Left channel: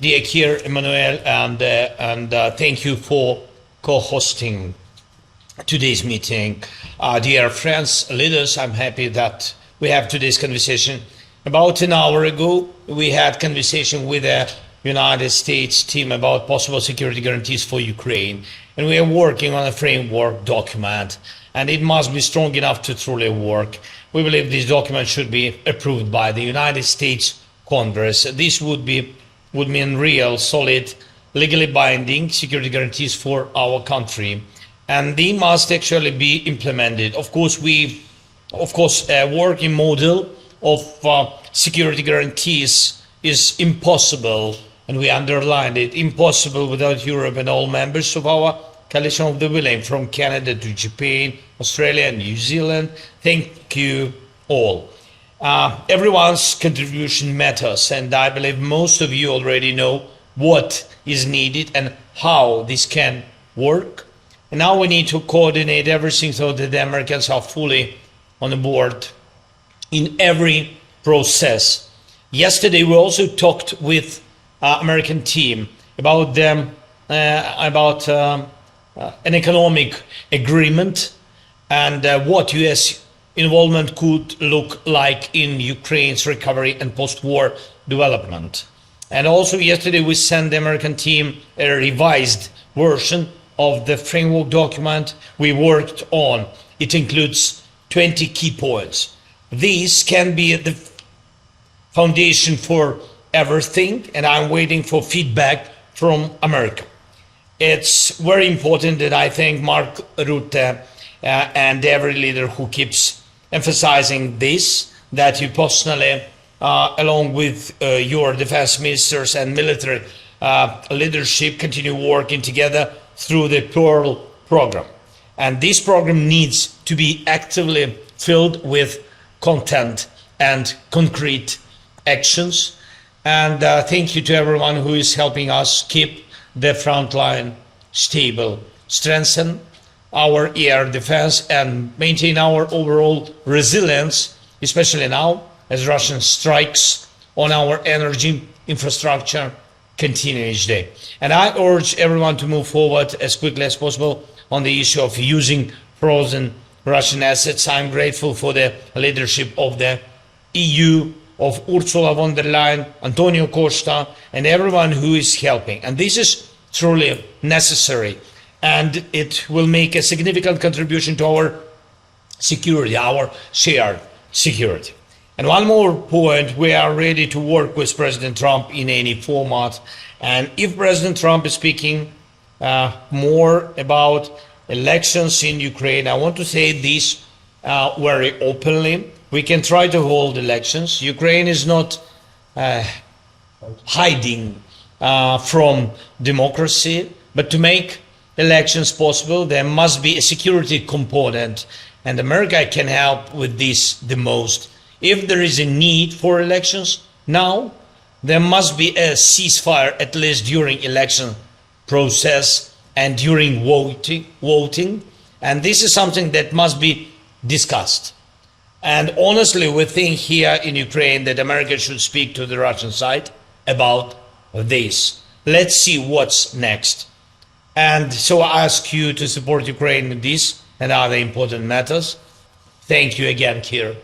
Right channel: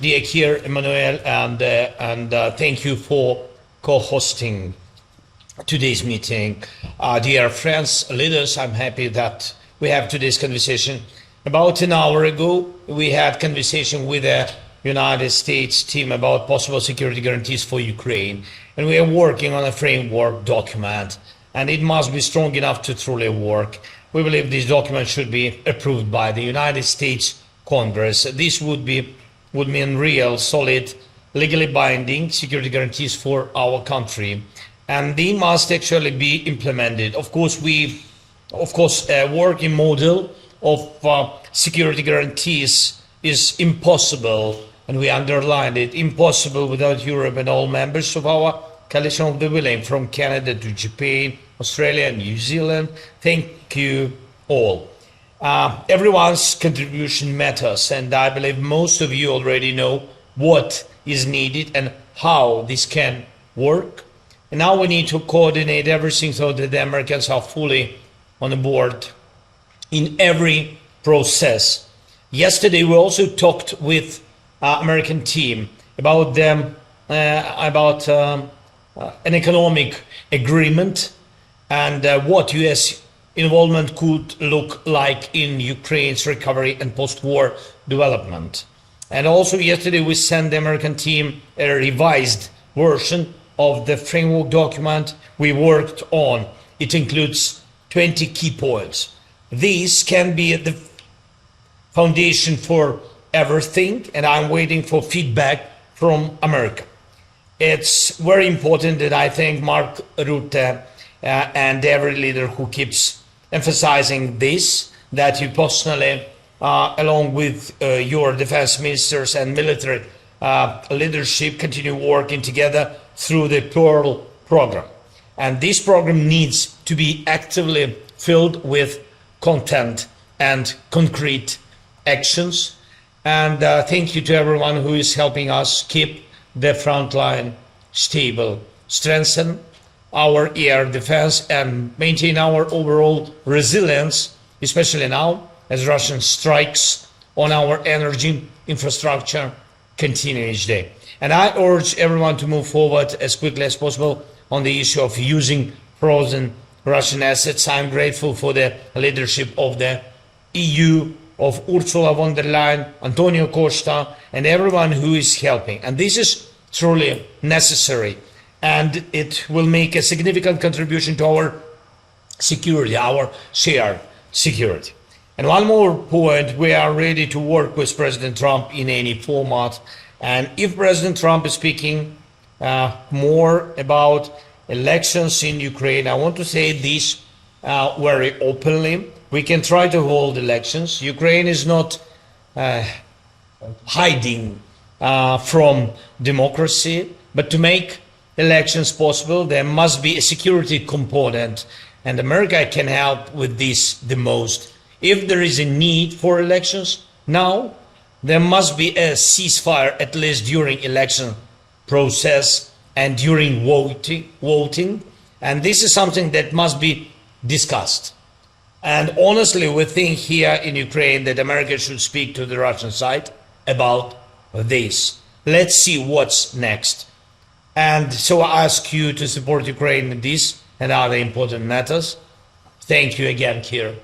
Dear Kir Emmanuel, and thank you for co-hosting today's meeting. Dear friends, leaders, I'm happy that we have today's conversation. About an hour ago, we had conversation with the United States team about possible security guarantees for Ukraine, and we are working on a framework document, and it must be strong enough to truly work. We believe this document should be approved by the United States Congress. This would mean real, solid, legally binding security guarantees for our country, and they must actually be implemented. Of course, a working model of security guarantees is impossible, and we underlined it, impossible without Europe and all members of our coalition of the willing, from Canada to Japan, Australia, and New Zealand. Thank you all. Everyone's contribution matters, and I believe most of you already know what is needed and how this can work. And now we need to coordinate everything so that the Americans are fully on board in every process. Yesterday we also talked with American team about an economic agreement and what U.S. involvement could look like in Ukraine's recovery and post-war development. And also yesterday we sent the American team a revised version of the framework document we worked on. It includes 20 key points. These can be the foundation for everything, and I'm waiting for feedback from America. It's very important, and I thank Mark Rutte and every leader who keeps emphasizing this, that you personally, along with your defense ministers and military leadership, continue working together through the Pearl program. And this program needs to be actively filled with content and concrete actions. And thank you to everyone who is helping us keep the front line stable, strengthen our air defense, and maintain our overall resilience, especially now as Russian strikes on our energy infrastructure continue each day. And I urge everyone to move forward as quickly as possible on the issue of using frozen Russian assets. I'm grateful for the leadership of the EU, of Ursula von der Leyen, Antonio Costa, and everyone who is helping. And this is truly necessary, and it will make a significant contribution to our security, our shared security. And one more point, we are ready to work with President Trump in any format. And if President Trump is speaking more about elections in Ukraine, I want to say this very openly. We can try to hold elections. Ukraine is not hiding from democracy, but to make elections possible, there must be a security component, and America can help with this the most. If there is a need for elections now, there must be a ceasefire at least during election process and during voting, and this is something that must be discussed. And honestly, we think here in Ukraine that America should speak to the Russian side about this. Let's see what's next. And so I ask you to support Ukraine in this and other important matters. Thank you again, Kir.